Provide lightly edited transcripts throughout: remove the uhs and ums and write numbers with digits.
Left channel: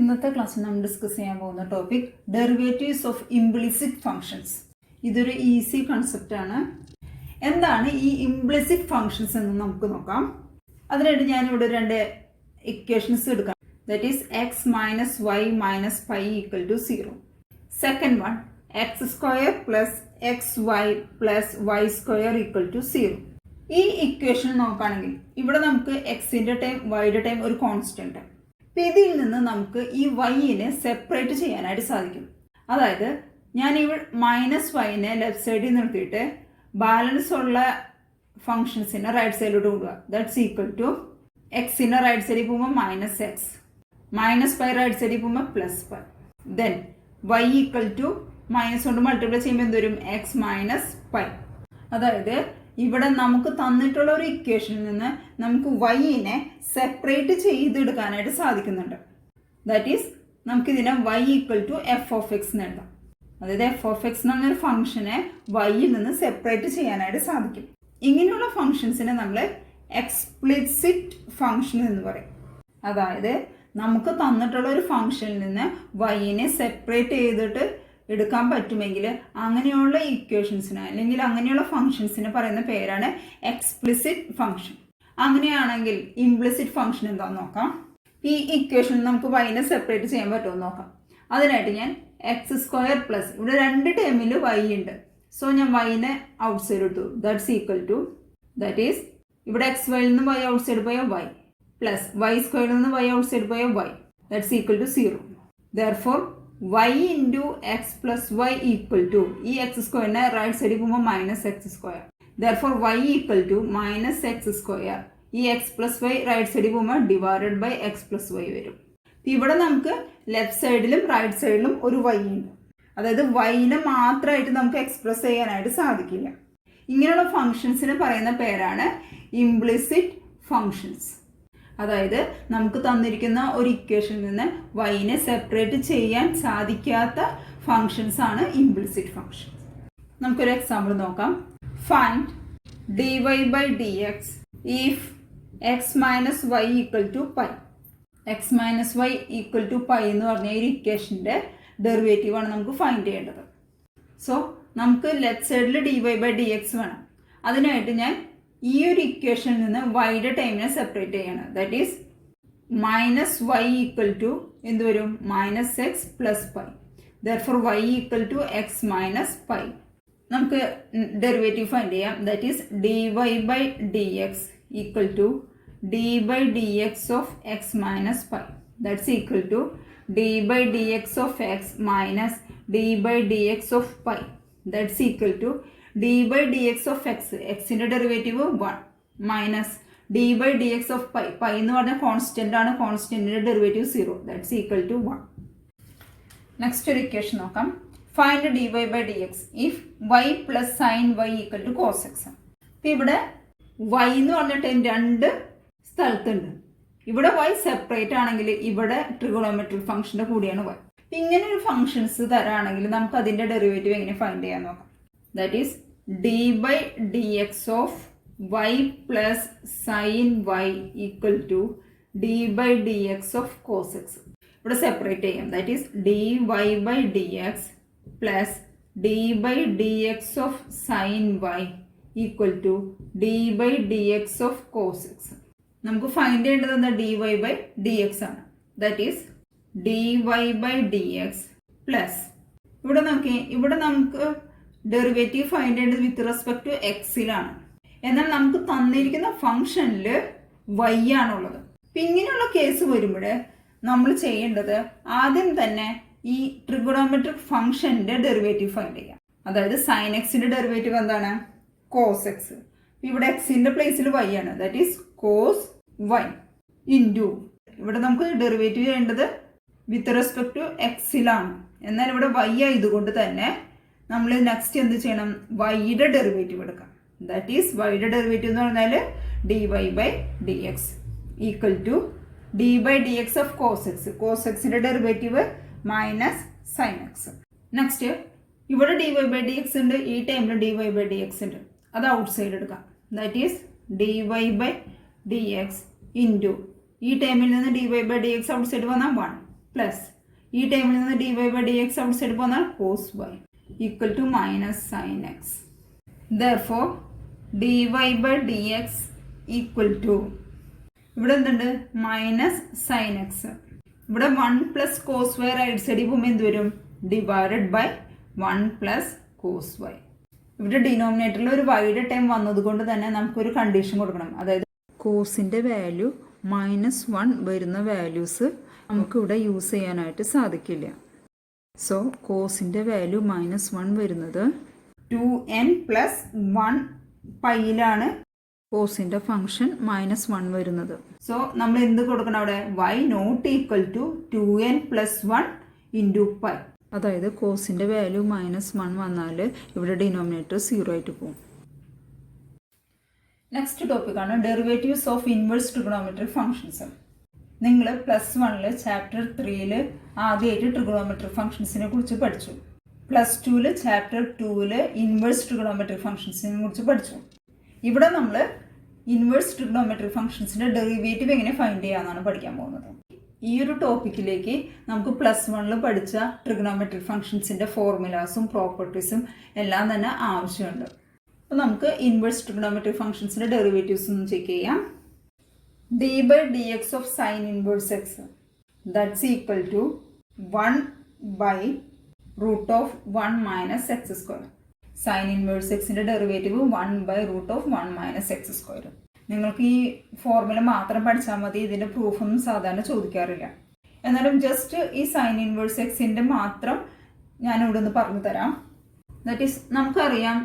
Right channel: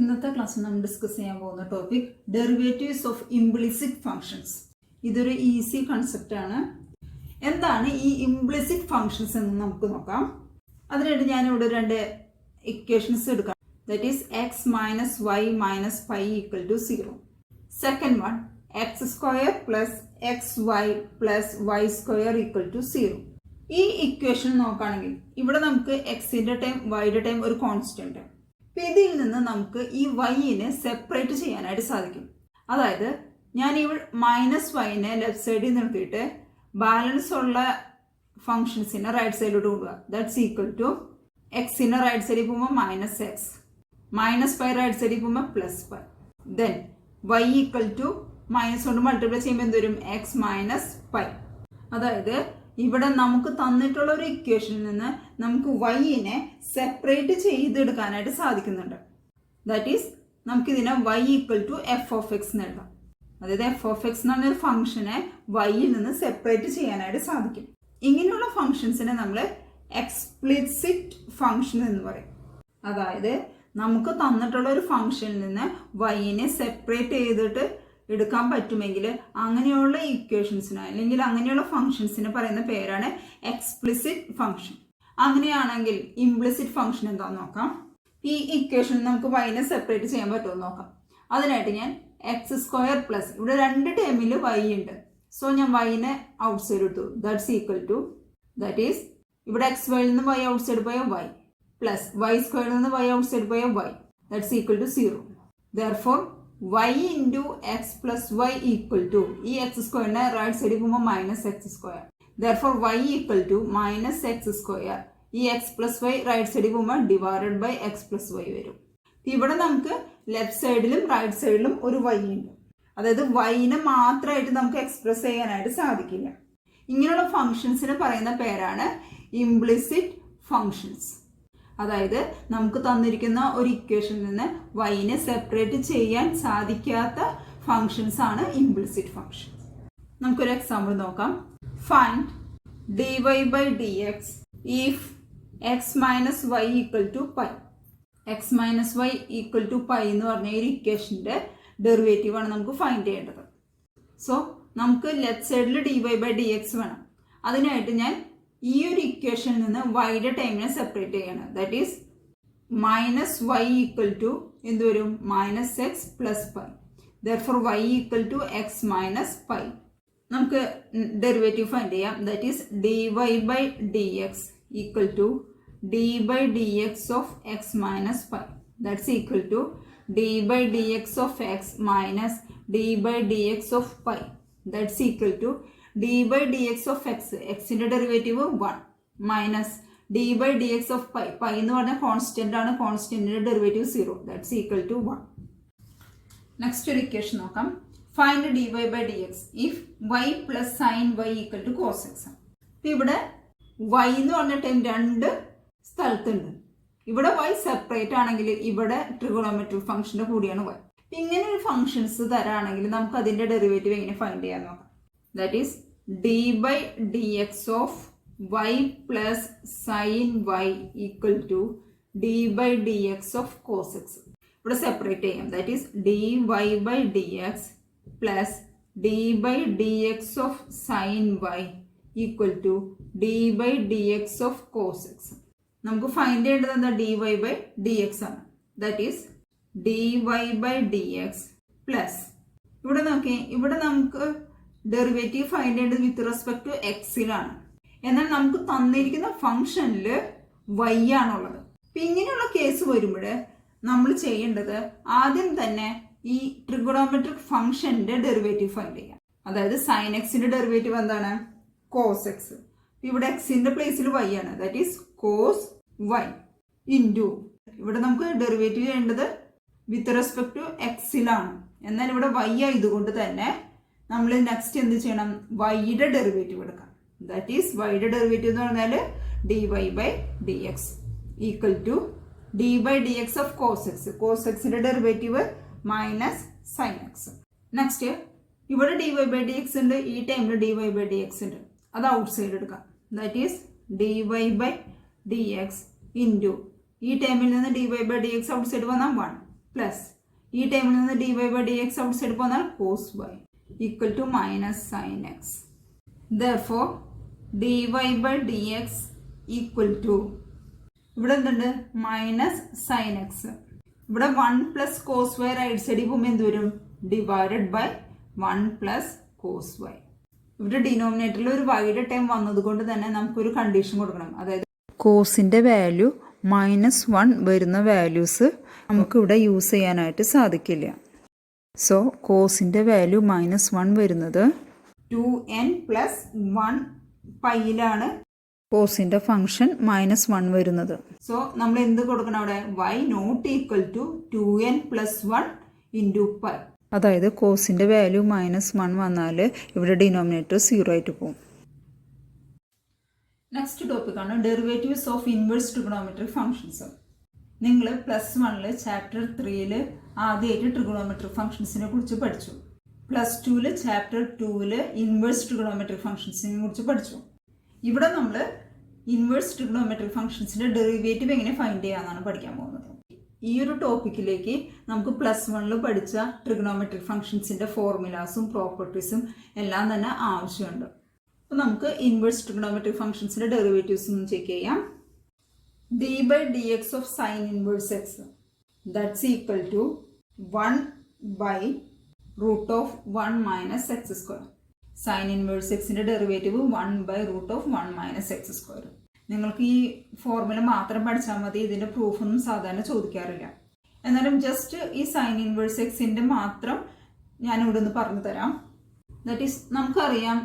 ഇന്നത്തെ ക്ലാസ്സിൽ നമ്മൾ ഡിസ്കസ് ചെയ്യാൻ പോകുന്ന topic derivatives of implicit functions. ഇതൊരു ഈസി കൺസെപ്റ്റ് ആണ്. എന്താണ് ഈ ഇംപ്ലിസിറ്റ് ഫങ്ഷൻസ് എന്ന് നമുക്ക് നോക്കാം. അതിനായിട്ട് ഞാനിവിടെ രണ്ട് ഇക്വേഷൻസ് എടുക്കാം. That is x minus y minus pi equal to 0. Second one x square plus x y plus y square equal to 0. ഈ ഇക്വേഷൻ നോക്കുകയാണെങ്കിൽ ഇവിടെ നമുക്ക് എക്സിന്റെ ടൈം വൈയുടെ ടൈം ഒരു കോൺസ്റ്റന്റ്. അപ്പം ഇതിൽ നിന്ന് നമുക്ക് ഈ വൈനെ സെപ്പറേറ്റ് ചെയ്യാനായിട്ട് സാധിക്കും. അതായത് ഞാൻ ഈ മൈനസ് വൈനെ ലെഫ്റ്റ് സൈഡിൽ നിർത്തിയിട്ട് ബാലൻസ് ഉള്ള ഫംഗ്ഷൻസിനെ റൈറ്റ് സൈഡിലോട്ട് കൊണ്ടുപോകുക. ദാറ്റ്സ് ഈക്വൽ ടു എക്സിന്റെ റൈറ്റ് സൈഡിൽ പോകുമ്പോൾ minus x, minus pi right സൈഡിൽ പോകുമ്പോൾ plus pi. Then y equal to minus കൊണ്ട് മൾട്ടിപ്ലൈ ചെയ്യുമ്പോൾ എന്ത് വരും? X minus pi. അതായത് ഇവിടെ നമുക്ക് തന്നിട്ടുള്ള ഒരു ഇക്വേഷനിൽ നിന്ന് നമുക്ക് വൈനെ സെപ്പറേറ്റ് ചെയ്തെടുക്കാനായിട്ട് സാധിക്കുന്നുണ്ട്. ദാറ്റ് ഈസ് നമുക്കിതിനെ y equal to f of x എന്ന് എഴുതാം. അതായത് എഫ് ഓഫ് എക്സ് എന്ന് പറഞ്ഞൊരു ഫംഗ്ഷനെ വൈയിൽ നിന്ന് സെപ്പറേറ്റ് ചെയ്യാനായിട്ട് സാധിക്കും. ഇങ്ങനെയുള്ള ഫംഗ്ഷൻസിനെ നമ്മൾ എക്സ്പ്ലിസിറ്റ് ഫംഗ്ഷൻ എന്ന് പറയും. അതായത് നമുക്ക് തന്നിട്ടുള്ള ഒരു ഫംഗ്ഷനിൽ നിന്ന് വൈനെ സെപ്പറേറ്റ് ചെയ്തിട്ട് എടുക്കാൻ പറ്റുമെങ്കിൽ അങ്ങനെയുള്ള ഇക്വേഷൻസിന് അല്ലെങ്കിൽ അങ്ങനെയുള്ള ഫംഗ്ഷൻസിന് പറയുന്ന പേരാണ് എക്സ്പ്ലിസിറ്റ് ഫംഗ്ഷൻ. അങ്ങനെയാണെങ്കിൽ ഇംപ്ലിസിറ്റ് ഫംഗ്ഷൻ എന്താണെന്ന് നോക്കാം. ഈ ഇക്വേഷൻ നമുക്ക് വൈനെ സെപ്പറേറ്റ് ചെയ്യാൻ പറ്റുമെന്ന് നോക്കാം. അതിനായിട്ട് ഞാൻ എക്സ് സ്ക്വയർ പ്ലസ് ഇവിടെ രണ്ട് ടേമിൽ വൈ ഉണ്ട്. സോ ഞാൻ വൈനെ ഔട്ട് സൈഡ് എടുത്തു. That's equal to that is ഇവിടെ എക്സ് വൈയിൽ നിന്ന് വൈ ഔട്ട് സൈഡ് പോയ വൈ പ്ലസ് വൈ സ്ക്വയറിൽ നിന്ന് വൈ ഔട്ട് സൈഡ് പോയ y. That's equal to 0. Therefore y into x plus y equal to ഈ എക്സ് സ്ക്വയറിനെ റൈറ്റ് സൈഡിൽ പോകുമ്പോൾ minus x square. Therefore y equal to minus x square. ഈ x plus y right സൈഡിൽ പോകുമ്പോൾ divided by x plus Y വരും. ഇവിടെ നമുക്ക് ലെഫ്റ്റ് സൈഡിലും റൈറ്റ് സൈഡിലും ഒരു y ഉണ്ട്. അതായത് വൈനെ മാത്രമായിട്ട് നമുക്ക് എക്സ്പ്രസ് ചെയ്യാനായിട്ട് സാധിക്കില്ല. ഇങ്ങനെയുള്ള ഫംഗ്ഷൻസിന് പറയുന്ന പേരാണ് ഇംപ്ലിസിറ്റ് ഫംഗ്ഷൻസ്. അതായത് നമുക്ക് തന്നിരിക്കുന്ന ഒരു ഇക്വേഷനിൽ നിന്ന് വൈനെ സെപ്പറേറ്റ് ചെയ്യാൻ സാധിക്കാത്ത ഫംഗ്ഷൻസ് ആണ് ഇംപ്ലിസിറ്റ് ഫംഗ്ഷൻസ്. നമുക്കൊരു എക്സാമ്പിൾ നോക്കാം. Find dy by dx if x minus y equal to pi. x minus y equal to pi എന്ന് പറഞ്ഞ ഈ ഇക്വേഷന്റെ ഡെറിവേറ്റീവ് ആണ് നമുക്ക് ഫൈൻഡ് ചെയ്യേണ്ടത്. സോ നമുക്ക് ലെഫ്റ്റ് സൈഡിൽ dy by dx വേണം. അതിനായിട്ട് ഞാൻ ഈ ഒരു ഇക്വേഷനിൽ നിന്ന് വൈയുടെ ടൈമിനെ സെപ്പറേറ്റ് ചെയ്യണം. That is minus y equal to എന്ത് വരും? Minus x plus pi. Therefore y equal to x minus pi. നമുക്ക് ഡെറിവേറ്റീവ് ഫൈൻഡ് ചെയ്യാം. That is d y by d x equal to d by d x of x minus pi. That's equal to d by d x of x minus d by d x of pi. That's equal to d by dx of x, xന്റെ derivative 1 minus d by dx of pi. Pi എന്ന് പറഞ്ഞ constant ആണ്. കോൺസ്റ്റന്റിന്റെ derivative 0. That's equal to 1. Next ഒരു equation നോക്കാം. Find dy by dx if y plus sin y equal to cos x. ഇവിടെ y എന്ന് പറഞ്ഞ ടൈം രണ്ട് സ്ഥലത്തുണ്ട്. ഇവിടെ y സെപ്പറേറ്റ് ആണെങ്കിൽ ഇവിടെ ട്രിഗോണോമെട്രിക് ഫംഗ്ഷന്റെ കൂടിയാണ് y. ഇങ്ങനെ ഒരു ഫംഗ്ഷൻസ് തരാണെങ്കിൽ നമുക്ക് അതിന്റെ ഡെറിവേറ്റീവ് എങ്ങനെ ഫൈൻഡ് ചെയ്യാൻ നോക്കാം. That is d by dx of y plus sin y equal to d by dx of cos x. ഇവിടെ സെപ്പറേറ്റ് ചെയ്യാം. That is dy by dx plus d by dx of sin y equal to d by dx of cos x. നമുക്ക് find ചെയ്യേണ്ടത് എന്താ? dy by dx ആണ്. That is dy by dx plus ഇവിടെ നോക്കി, ഇവിടെ നമുക്ക് derivative find ചെയ്യേണ്ടത് with respect to എക്സിലാണ്. എന്നാൽ നമുക്ക് തന്നിരിക്കുന്ന ഫംഗ്ഷനിൽ വൈ ആണുള്ളത്. അപ്പം ഇങ്ങനെയുള്ള കേസ് വരുമ്പോൾ നമ്മൾ ചെയ്യേണ്ടത് ആദ്യം തന്നെ ഈ ട്രിഗണോമെട്രിക് ഫംഗ്ഷന്റെ ഡെറിവേറ്റീവ് ഫൈൻഡ് ചെയ്യാം. അതായത് സൈൻ എക്സിന്റെ ഡെറിവേറ്റീവ് എന്താണ്? Cos x. ഇവിടെ എക്സിന്റെ പ്ലേസിൽ വൈ ആണ്. That is cos y into ഇവിടെ നമുക്ക് ഡെറിവേറ്റീവ് ചെയ്യേണ്ടത് വിത്ത് റെസ്പെക്ട് ടു എക്സിലാണ്. എന്നാൽ ഇവിടെ വൈ ആയതുകൊണ്ട് തന്നെ നമ്മൾ നെക്സ്റ്റ് എന്ത് ചെയ്യണം? വൈയുടെ ഡെറിവേറ്റീവ് എടുക്കാം. ദാറ്റ് ഈസ് വൈയുടെ ഡെറിവേറ്റീവ് എന്ന് പറഞ്ഞാൽ d y by d x equal to d by d x of cos x. Cos എക്സിന്റെ derivative minus sine x. Next ഇവിടെ d y by d x ഉണ്ട്. ഈ ടൈമിൽ d y by d x ഉണ്ട്. അത് outside എടുക്കാം. That is d y by d x into ഈ ടൈമിൽ നിന്ന് d y by d x outside വന്നാൽ 1 പ്ലസ് ഈ ടൈമിൽ നിന്ന് dy by dx outside പോന്നാൽ cos y equal to minus sine x. therefore dy by dx equal to ഇവിടെ എന്തുണ്ട് മൈനസ് സൈൻ എക്സ്. ഇവിടെ 1 പ്ലസ് കോസ് വൈ റൈറ്റ് സൈഡിൽ പോകുമ്പോൾ എന്ത് വരും divided by 1 plus cos y. ഇവിടെ ഡിനോമിനേറ്ററിൽ ഒരു വൈഡ് ടൈം വന്നതുകൊണ്ട് തന്നെ നമുക്കൊരു കണ്ടീഷൻ കൊടുക്കണം. അതായത് കോസിൻ്റെ വാല്യൂ -1 വരുന്ന വാല്യൂസ് നമുക്കിവിടെ യൂസ് ചെയ്യാനായിട്ട് സാധിക്കില്ല. സോ കോസിൻ്റെ വാല്യൂ -1 വരുന്നത് 2n പ്ലസ് 1 പൈയിലാണ് കോസിൻ്റെ ഫംഗ്ഷൻ -1 വരുന്നത്. സോ നമ്മൾ എന്ത് കൊടുക്കണം അവിടെ y not equal to 2n plus 1 into pi. അതായത് കോസിൻ്റെ വാല്യൂ -1 വന്നാൽ ഇവിടെ ഡിനോമിനേറ്റർ 0 ആയിട്ട് പോകും. നെക്സ്റ്റ് ടോപ്പിക്കാണ് derivatives of inverse trigonometric functions. നിങ്ങൾ +1 ചാപ്റ്റർ 3 ആദ്യമായിട്ട് ട്രിഗണോമെട്രിക് ഫംഗ്ഷൻസിനെ കുറിച്ച് പഠിച്ചു. +2 ചാപ്റ്റർ 2 ഇൻവേഴ്സ് ട്രിഗണോമെട്രിക് ഫംഗ്ഷൻസിനെ കുറിച്ച് പഠിച്ചു. ഇവിടെ നമ്മൾ ഇൻവേഴ്സ് ട്രിഗണോമെട്രിക് ഫംഗ്ഷൻസിൻ്റെ ഡെറിവേറ്റീവ് എങ്ങനെ ഫൈൻഡ് ചെയ്യാമെന്നാണ് പഠിക്കാൻ പോകുന്നത്. ഈ ഒരു ടോപ്പിക്കിലേക്ക് നമുക്ക് +1 പഠിച്ച ട്രിഗണോമെട്രിക് ഫംഗ്ഷൻസിൻ്റെ ഫോർമുലാസും പ്രോപ്പർട്ടീസും എല്ലാം തന്നെ ആവശ്യമുണ്ട്. അപ്പോൾ നമുക്ക് ഇൻവേഴ്സ് ട്രിഗണോമെട്രിക് ഫംഗ്ഷൻസിൻ്റെ ഡെറിവേറ്റീവ്സ് ഒന്ന് ചെക്ക് ചെയ്യാം. d by dx of sin inverse x that's equal to 1 by root of 1 minus x square. Sine inverse എക്സിൻ്റെ derivative 1 by root of 1 minus x square. നിങ്ങൾക്ക് ഈ ഫോർമുല മാത്രം പഠിച്ചാൽ മതി. ഇതിൻ്റെ പ്രൂഫൊന്നും സാധാരണ ചോദിക്കാറില്ല. എന്നാലും ജസ്റ്റ് ഈ സൈൻ ഇൻവേഴ്സ് എക്സിൻ്റെ മാത്രം ഞാൻ ഇവിടെ നിന്ന് പറഞ്ഞു തരാം. ദാറ്റ് ഈസ് നമുക്കറിയാം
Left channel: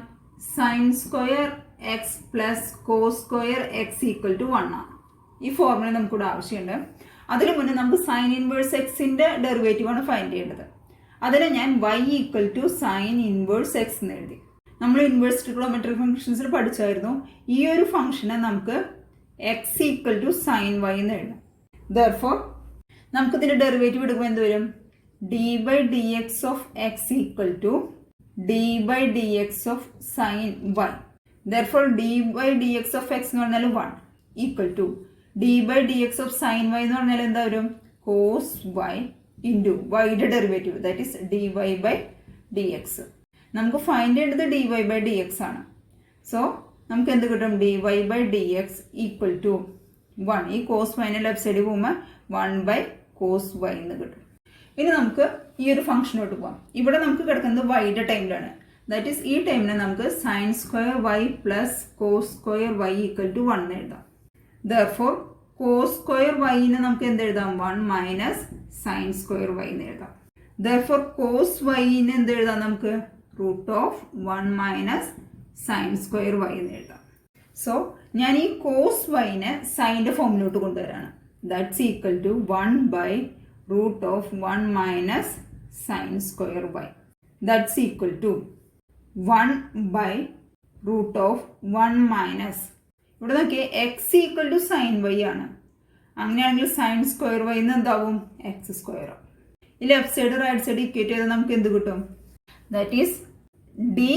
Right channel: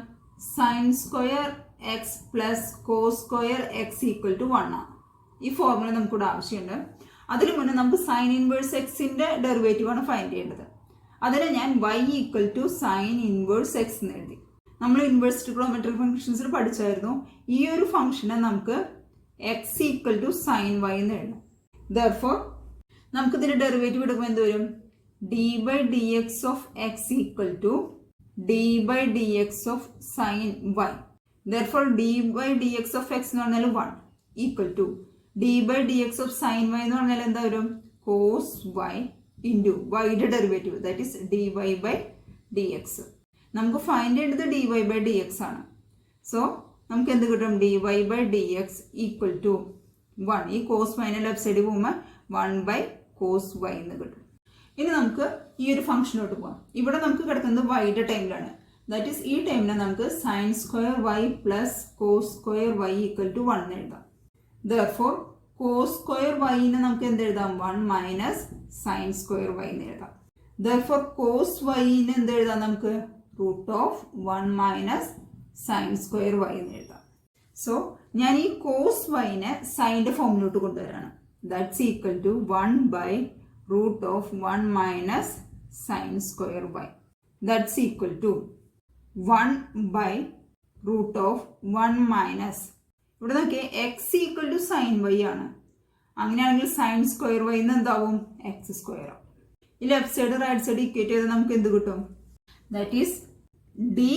sine square x plus cos square x equal to 1 ആണ്. ഈ ഫോർമുല നമുക്കിവിടെ ആവശ്യമുണ്ട്. അതിനു മുന്നേ നമുക്ക് സൈൻ ഇൻവേഴ്സ് എക്സിൻ്റെ ഡെറിവേറ്റീവാണ് ഫൈൻഡ് ചെയ്യേണ്ടത്. അതിന് ഞാൻ y equal to sine inverse x എന്ന് എഴുതി. നമ്മൾ ഇൻവേഴ്സ് ട്രിഗണോമെട്രിക് ഫംഗ്ഷൻസിൽ പഠിച്ചായിരുന്നു ഈ ഒരു ഫംഗ്ഷനെ നമുക്ക് x equal to sine y എന്ന് എഴുതാം. ദർഫോർ നമുക്ക് ഇതിന്റെ ഡെറിവേറ്റീവ് എടുക്കുമ്പോൾ എന്ത് വരും d by d x of x equal to d by d x of sine y. Therefore d by d x of x എന്ന് പറഞ്ഞാൽ 1 equal to d by d x of sine y എന്ന് പറഞ്ഞാൽ എന്താ വരും cos y into വൈയുടെ derivative that is d y by d x. നമുക്ക് find ചെയ്യേണ്ടത് d y by d x ആണ്. സോ നമുക്ക് എന്ത് കിട്ടും d y by d x equal to 1. ഈ കോസ് വൈനെ ലെഫ്റ്റ് സൈഡിൽ പോകുമ്പോൾ 1 ബൈ കോസ് വൈ എന്ന് കിട്ടും. ഇനി നമുക്ക് ഈ ഒരു ഫംഗ്ഷനോട്ട് പോകാം. ഇവിടെ നമുക്ക് കിടക്കുന്നത് വൈയുടെ ടൈമിലാണ്. ദാറ്റ് ഈസ് ഈ ടൈമിനെ നമുക്ക് sine square y plus cos square y equal to 1 എന്ന് എഴുതാം. ദർഫോർ കോസ് സ്ക്വയർ വൈനെ നമുക്ക് എന്ത് എഴുതാം 1 മൈനസ് സൈൻ സ്ക്വയർ വൈ എന്ന് എഴുതാം. ദർഫോർ കോസ് വൈനെ എന്ത് എഴുതാം നമുക്ക് root of 1 minus sine square y എന്ന് എഴുതാം. സോ ഞാൻ ഈ കോസ് വൈനെ സൈൻ്റെ ഫോമിലോട്ട് കൊണ്ടുവരാണ്. That's equal to 1 by root of 1 minus sine square y. That's equal to 1 by root of 1 minus ഇവിടെ നോക്കിയേ x equal to sine y ആണ്. അങ്ങനെയാണെങ്കിൽ സൈൻ സ്ക്വയർ വൈ എന്ന് എന്താവും എക്സ് സ്ക്വയർ. ഈ left side right side equate ചെയ്താൽ നമുക്ക് എന്ത് കിട്ടും that is d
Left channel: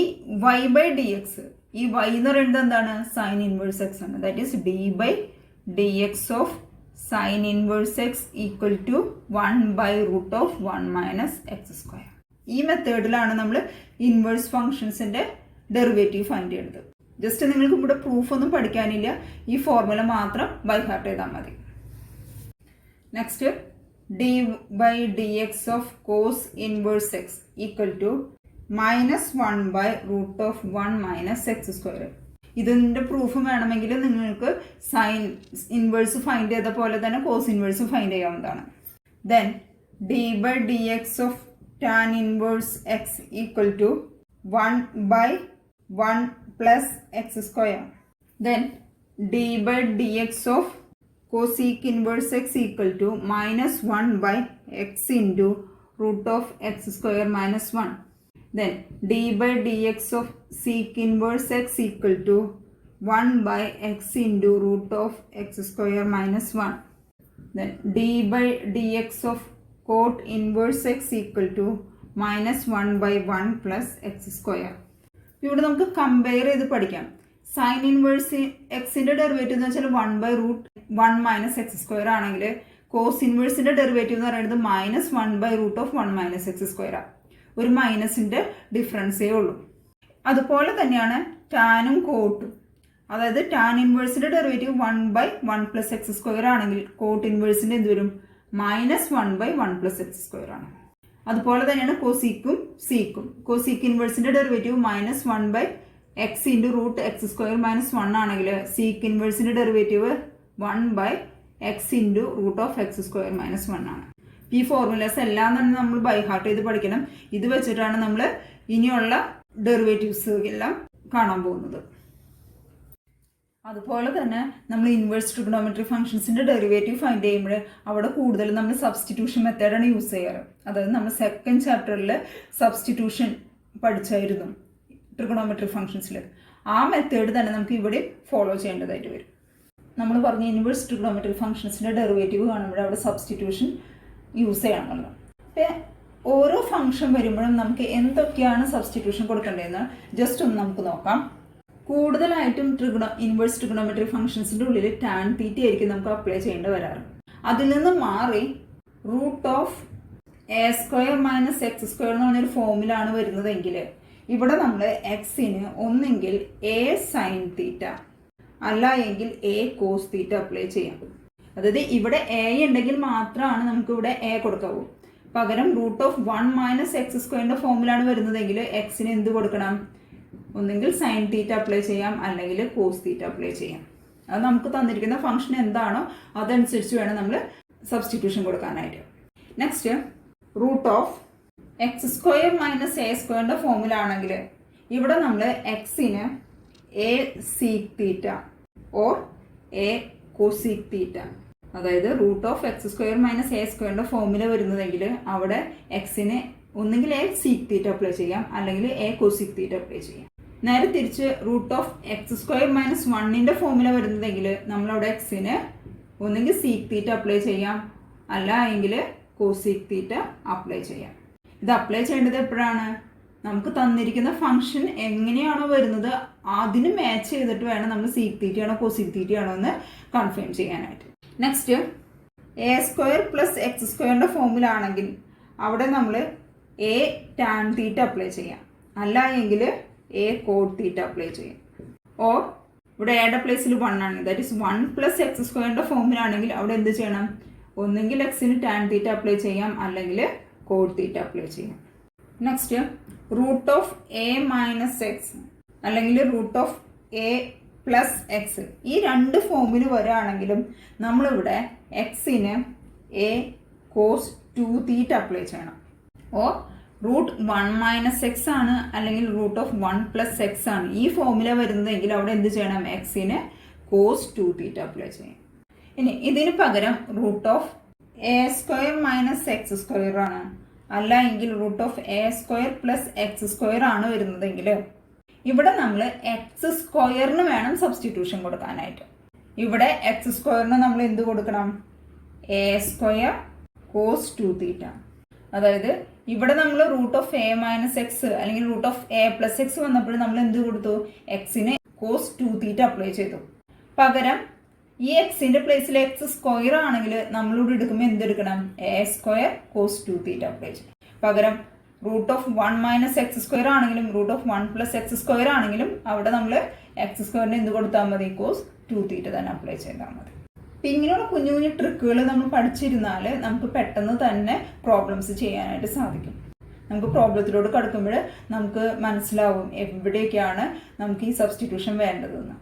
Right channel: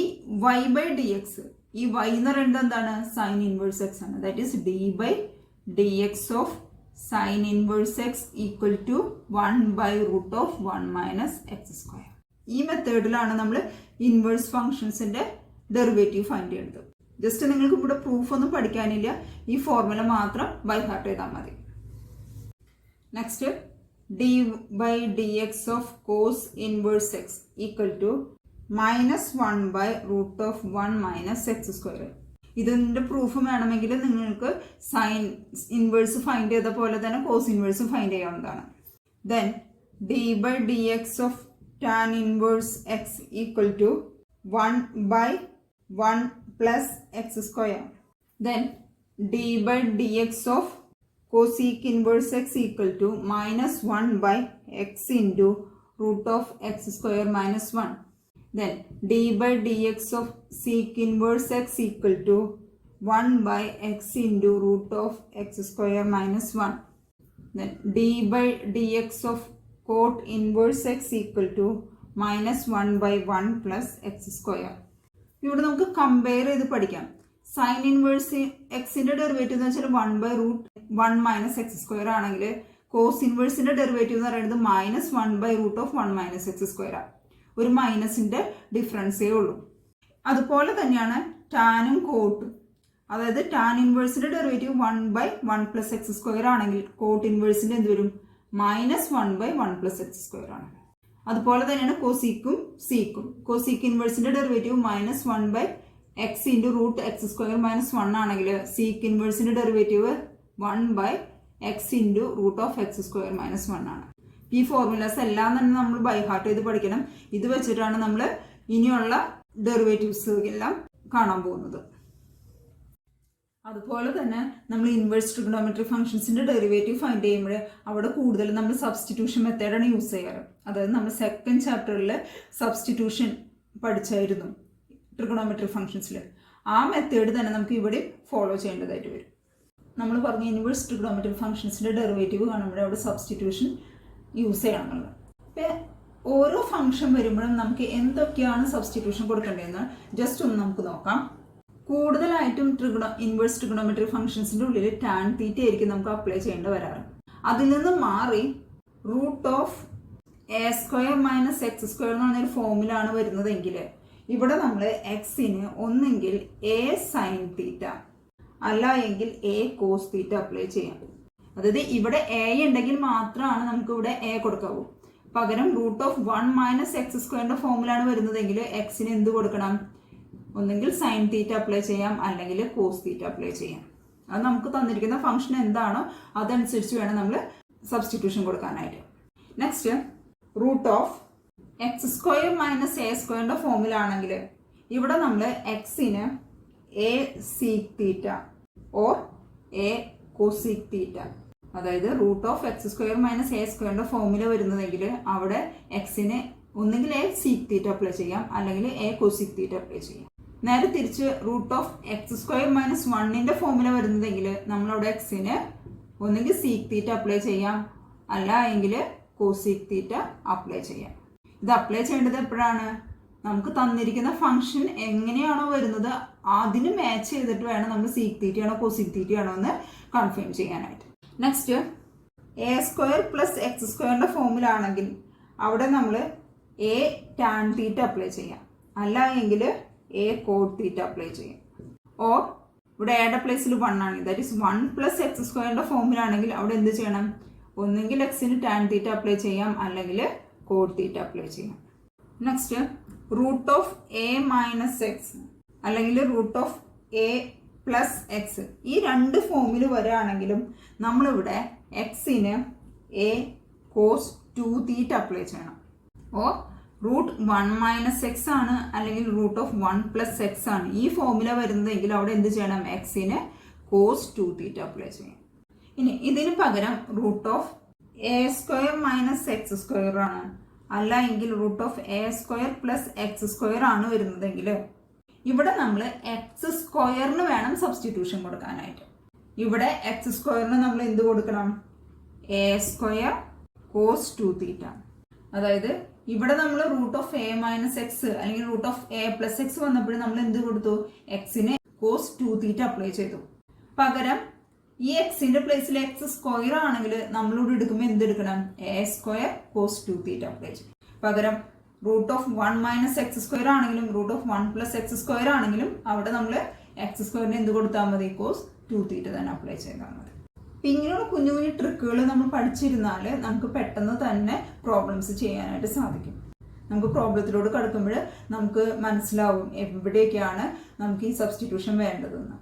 y by d x. ഈ വൈ എന്ന് പറയുന്നത് എന്താണ് സൈൻ ഇൻവേഴ്സ് എക്സ് ആണ്. That is d by d x of sine inverse x equal to 1 by root of 1 minus x square. ഈ മെത്തേഡിലാണ് നമ്മൾ ഇൻവേഴ്സ് ഫംഗ്ഷൻസിന്റെ ഡെറിവേറ്റീവ് ഫൈൻഡ് ചെയ്യുന്നത്. ജസ്റ്റ് നിങ്ങൾക്ക് ഇവിടെ പ്രൂഫ് ഒന്നും പഠിക്കാനില്ല, ഈ ഫോർമുല മാത്രം ബൈ ഹാർട്ട് ചെയ്താൽ മതി. Next d by d x of cos inverse x equal to -1 by root of 1 minus x square. ഇതിന്റെ പ്രൂഫ് വേണമെങ്കിൽ നിങ്ങൾക്ക് സൈൻ ഇൻവേഴ്സ് ഫൈൻഡ് ചെയ്ത പോലെ തന്നെ കോസ് ഇൻവേഴ്സ് ഫൈൻഡ് ചെയ്യാവുന്നതാണ്. Then d by d x of tan inverse x equal to 1 by 1 plus x square. Then d by dx of cosec inverse x equal to -1 by x into root of x square minus 1. Then d by dx of sec inverse x equal to 1 by x into root of x square minus 1. Then d by dx of cot inverse x equal to -1 by 1 plus x square. ഇവിടെ നമുക്ക് compare ചെയ്ത് പഠിക്കാം. Sine inverse എക്സിന്റെ derivative എന്ന് വെച്ചാൽ 1 by root 1 minus x square ആണെങ്കിൽ cos ഇൻവേഴ്സിന്റെ derivative എന്ന് പറയുന്നത് -1/√(1 - x²) ഒരു മൈനസിന്റെ ഡിഫറൻസേ ഉള്ളൂ. അതുപോലെ തന്നെയാണ് ടാനും കോട്ടും. അതായത് ടാൻ ഇൻവേഴ്സിന്റെ ഡെറിവേറ്റീവ് 1/1 + x² ആണെങ്കിൽ കോട്ട് ഇൻവേഴ്സിന്റെ എന്ത് വരും? -1/1 + x² ആണ്. അതുപോലെ തന്നെയാണ് കോസീക്കും സീക്കും. കോസീക്ക് ഇൻവേഴ്സിന്റെ ഡെറിവേറ്റീവ് -1/x × √(x²-1) ആണെങ്കിൽ സീക്ക് ഇൻവേഴ്സിന്റെ ഡെറിവേറ്റീവ് 1/x × √(x²-1) ആണ്. ഈ ഫോർമുലാസ് എല്ലാം തന്നെ നമ്മൾ ബൈ ഹാർട്ട് ചെയ്ത് പഠിക്കണം. ഇത് വെച്ചിട്ടാണ് നമ്മൾ ഇനിയുള്ള ഡെറിവേറ്റീവ്സ് എല്ലാം കാണാൻ പോകുന്നത്. അതുപോലെ തന്നെ നമ്മൾ ഇൻവേഴ്സ് ട്രിഗണോമെട്രി ഫംഗ്ഷൻസിന്റെ ഡെറിവേറ്റീവ് ഫൈൻഡ് ചെയ്യുമ്പോൾ അവിടെ കൂടുതൽ നമ്മൾ സബ്സ്റ്റിറ്റ്യൂഷൻ മെത്തേഡാണ് യൂസ് ചെയ്യാറ്. അതായത് നമ്മൾ സെക്കൻഡ് ചാപ്റ്ററിൽ സബ്സ്റ്റിറ്റ്യൂഷൻ പഠിച്ചായിരുന്നു ട്രിഗണോമെട്രി ഫംഗ്ഷൻസിൽ. ആ മെത്തേഡ് തന്നെ നമുക്ക് ഇവിടെ ഫോളോ ചെയ്യേണ്ടതായിട്ട് വരും. നമ്മൾ പറഞ്ഞ ഇൻവേഴ്സ് ട്രിഗണോമെട്രി ഫംഗ്ഷൻസിന്റെ ഡെറിവേറ്റീവ് കാണുമ്പോൾ അവിടെ സബ്സ്റ്റിറ്റ്യൂഷൻ യൂസ് ചെയ്യണമെന്നുള്ളത്. അപ്പം ഓരോ ഫംഗ്ഷൻ വരുമ്പോഴും നമുക്ക് എന്തൊക്കെയാണ് സബ്സ്റ്റിറ്റ്യൂഷൻ കൊടുക്കേണ്ടതെന്ന് ജസ്റ്റ് ഒന്ന് നമുക്ക് നോക്കാം. കൂടുതലായിട്ടും ഇൻവേഴ്സ് ട്രിഗണോമെട്രി ഫംഗ്ഷൻസിന്റെ ഉള്ളിൽ ടാൻ തീറ്റ ആയിരിക്കും നമുക്ക് അപ്ലൈ ചെയ്യേണ്ടി വരാറ്. അതിൽ നിന്ന് മാറി √(a² - x² എന്ന് പറഞ്ഞൊരു ഫോമിലാണ് വരുന്നതെങ്കിൽ ഇവിടെ നമ്മൾ എക്സിന് ഒന്നെങ്കിൽ a sin തീറ്റ അല്ല എങ്കിൽ a cos തീറ്റ അപ്ലൈ ചെയ്യാം. അതായത് ഇവിടെ a ഉണ്ടെങ്കിൽ മാത്രമാണ് നമുക്ക് ഇവിടെ a കൊടുക്കാവൂ. പകരം √(1 - x²) ഫോമിലാണ് വരുന്നതെങ്കിൽ എക്സിന് എന്ത് കൊടുക്കണം? ഒന്നെങ്കിൽ സൈൻ തീറ്റ അപ്ലൈ ചെയ്യാം അല്ലെങ്കിൽ കോസ് തീറ്റ അപ്ലൈ ചെയ്യാം. അത് നമുക്ക് തന്നിരിക്കുന്ന ഫംഗ്ഷൻ എന്താണോ അതനുസരിച്ച് വേണം നമ്മൾ സബ്സ്റ്റിറ്റ്യൂഷൻ കൊടുക്കാനായിട്ട്. നെക്സ്റ്റ് √(x² - a² ഫോമിലാണെങ്കിൽ ഇവിടെ നമ്മൾ എക്സിന് a sec theta or a cosec തീറ്റ, അതായത് √(x² - a² ഫോമില വരുന്നതെങ്കിൽ അവിടെ എക്സിന് ഒന്നെങ്കിൽ a sec തീറ്റ അപ്ലൈ ചെയ്യാം അല്ലെങ്കിൽ a cosec തീറ്റ അപ്ലൈ ചെയ്യാം. നേരെ തിരിച്ച് √(x² - 1 ഫോമില വരുന്നതെങ്കിൽ നമ്മളവിടെ എക്സിന് ഒന്നെങ്കിൽ sec തീറ്റ അപ്ലൈ ചെയ്യാം അല്ല എങ്കിൽ cosec തീറ്റ അപ്ലൈ ചെയ്യാം. ഇത് അപ്ലൈ ചെയ്യേണ്ടത് എപ്പോഴാണ്? നമുക്ക് തന്നിരിക്കുന്ന ഫംഗ്ഷൻ എങ്ങനെയാണോ വരുന്നത് അതിന് മാച്ച് ചെയ്തിട്ട് വേണം നമ്മൾ sec തീറ്റയാണോ cosec തീറ്റയാണോ എന്ന് കൺഫേം ചെയ്യാനായിട്ട്. നെക്സ്റ്റ് a² + x² ഫോമിലാണെങ്കിൽ അവിടെ നമ്മൾ a tan തീറ്റ അപ്ലൈ ചെയ്യാം അല്ല എങ്കിൽ a cot തീറ്റ അപ്ലൈ ചെയ്യാം. ഓർ ഇവിടെ എയുടെ പ്ലേസിൽ 1 ആണ്, ദാറ്റ് ഈസ് 1 + x² ഫോമിലാണെങ്കിൽ അവിടെ എന്ത് ചെയ്യണം? ഒന്നെങ്കിൽ എക്സിന് tan തീറ്റ അപ്ലൈ ചെയ്യാം അല്ലെങ്കിൽ cot തീറ്റ അപ്ലൈ ചെയ്യാം. നെക്സ്റ്റ് √(a - x) അല്ലെങ്കിൽ √(a + x) ഈ രണ്ട് ഫോമിൽ വരികയാണെങ്കിലും നമ്മളിവിടെ എക്സിന് a cos 2 തീറ്റ അപ്ലൈ ചെയ്യണം. ഓർ √(1 - x) ആണ് അല്ലെങ്കിൽ √(1 + x) ആണ് ഈ ഫോമില വരുന്നതെങ്കിൽ അവിടെ എന്ത് ചെയ്യണം? എക്സിന് cos 2 തീറ്റ അപ്ലൈ ചെയ്യാം. ഇനി ഇതിന് പകരം √(a² - x² ആണ് അല്ല എങ്കിൽ √(a² + x² ആണ് വരുന്നതെങ്കിൽ ഇവിടെ നമ്മൾ x² വേണം സബ്സ്റ്റിറ്റ്യൂഷൻ കൊടുക്കാനായിട്ട്. ഇവിടെ x² നമ്മൾ എന്ത് കൊടുക്കണം? a² cos 2 തീറ്റ. അതായത് ഇവിടെ നമ്മൾ √(a - x) അല്ലെങ്കിൽ √(a + x) വന്നപ്പോൾ നമ്മൾ എന്ത് കൊടുത്തു? എക്സിന് cos 2 തീറ്റ അപ്ലൈ ചെയ്തു. പകരം ഈ എക്സിന്റെ പ്ലേസിൽ x² ആണെങ്കിൽ നമ്മളിവിടെ എടുക്കുമ്പോൾ എന്തെടുക്കണം? a² cos 2 തീറ്റ അപ്ലൈ ചെയ്യും. പകരം √(1 - x² ആണെങ്കിലും √(1 + x² ആണെങ്കിലും അവിടെ നമ്മൾ x² എന്ത് കൊടുത്താൽ മതി? cos 2 തീറ്റ തന്നെ അപ്ലൈ ചെയ്താൽ മതി. അപ്പം ഇങ്ങനെയുള്ള കുഞ്ഞു കുഞ്ഞു ട്രിക്കുകൾ നമ്മൾ പഠിച്ചിരുന്നാൽ നമുക്ക് പെട്ടെന്ന് തന്നെ പ്രോബ്ലംസ് ചെയ്യാനായിട്ട് സാധിക്കും. നമുക്ക് പ്രോബ്ലത്തിലോട്ട് കടക്കുമ്പോൾ നമുക്ക് മനസ്സിലാവും എവിടെയൊക്കെയാണ് നമുക്ക് ഈ സബ്സ്റ്റിറ്റ്യൂഷൻ വേണ്ടതെന്ന്.